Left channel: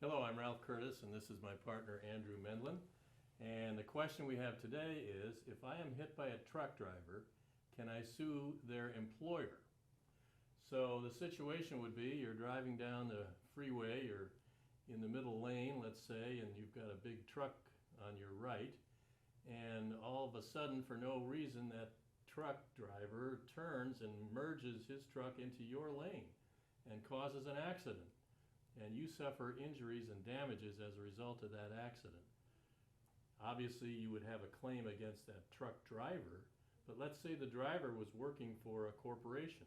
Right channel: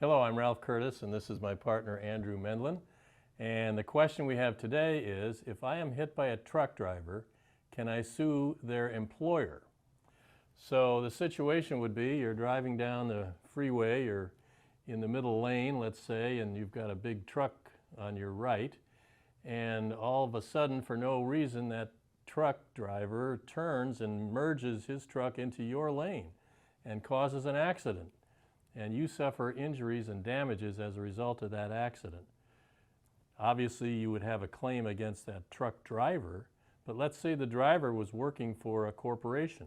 Hello, I'm Ralph Curtis, and this is my partner Andrew Mendlin. And the question we have today is, if I am hit by a truck driver, can I sue their employer? So the situation would be you're driving down the freeway, you're in the middle lane, let's say, and you've got a big truck on your right, and all of a sudden, for no reason, that truck driver turns and merges his truck into your lane and causes an accident. And you suffer injuries and damages as a result of that accident. Obviously, you would have a claim against that truck driver, but let's say the driver was working for a corporation.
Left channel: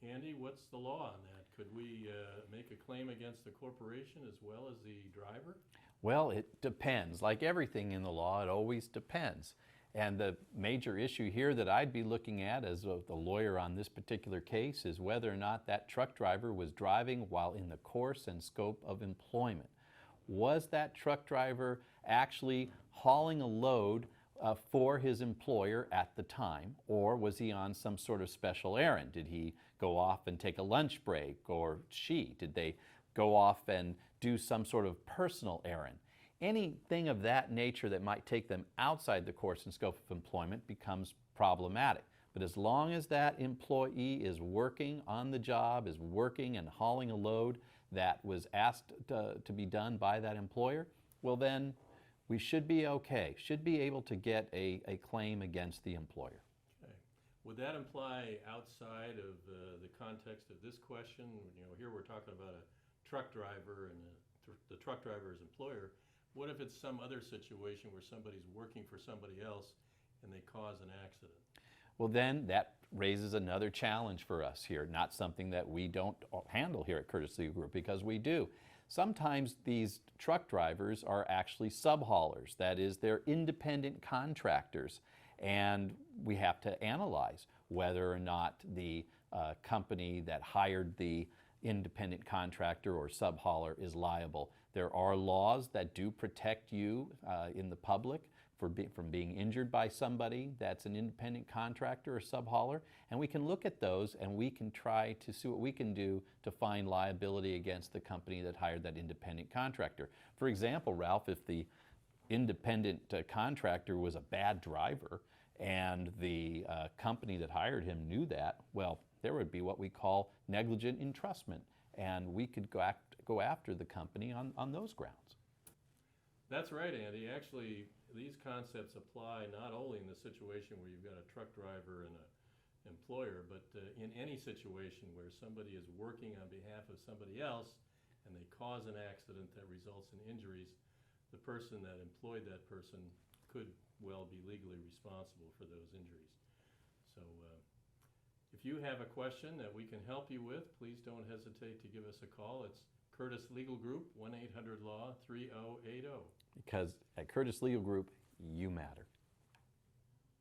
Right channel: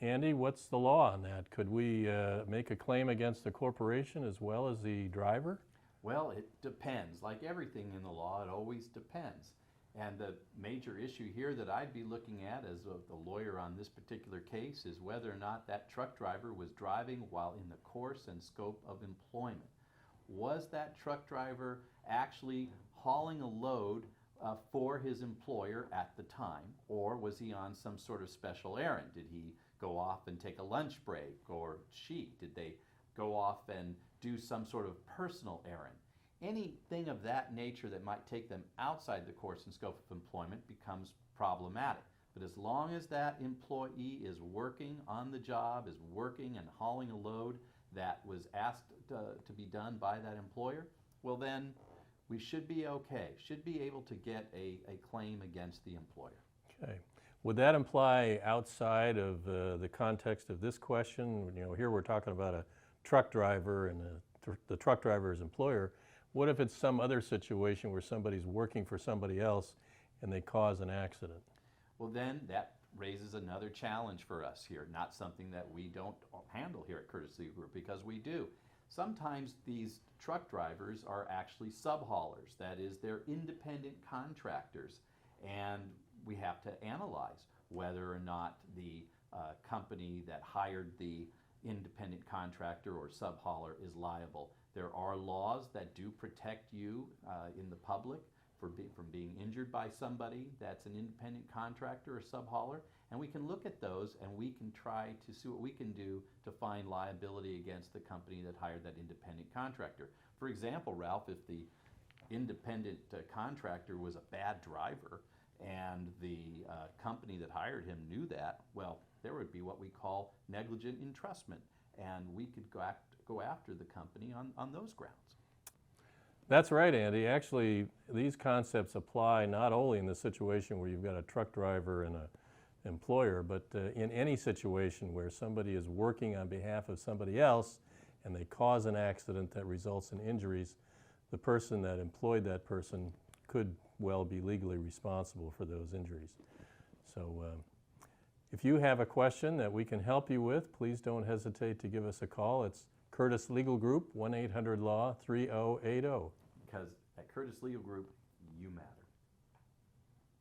Andy, what's the law on that? Could we make a claim against the corporation as well as the driver? Well, it depends. Like everything in the law, it always depends. And the major issue here that I'd be looking at as the lawyer on this particular case is whether or not that truck driver was driving while in the course and scope of employment. Was that truck driver actually hauling a load for his employer at the time, or was he on some sort of special errand? Did he go off and take a lunch break, or did they go off and do some sort of personal errand? Anything of that nature that might take them outside the course and scope of employment becomes problematic. But as long as that employee is working on the job, is working and hauling a load that was asked to be done by that employer, well then we should be okay, should be able to get a claim against the employer. Okay. Would that imply outside of the context of this question? You know, here we're talking about a truck driver and the truck driver's employer. What if it's some other situation where somebody's working for somebody else and they cause an accident? Well, then that raises another challenge for us here, not something that we don't handle here at Curtis Legal Group, because we do. Sometimes these truck drivers are actually sub-haulers, that is, they're independent contractors, and we have to analyze whether or not the company that hired the independent contractor or sub-hauler is liable. There are laws that do protect you in the public from being injured by somebody that's an independent contractor or sub-hauler, and we can look at those and we can try to see what we can do to find liability against the company that hired that independent contractor. For example, Ralph, if the independent contractor was a bad driver and the company that hired him knew that, well, there would be what we call negligent entrustment, and we could go after the company on those grounds. That's right, Andy. Actually, these concepts apply not only in the situation where you've got a truck driver and an employer, but in any situation where somebody is working on behalf of somebody else and they cause an accident that results in injuries, the person that employed that person could well be legally responsible for those injuries. So if you have a question that we can help you with, please don't hesitate to give us a call. It's Curtis Legal Group, 1-800-LAW-3080. Because at Curtis Legal Group, you matter.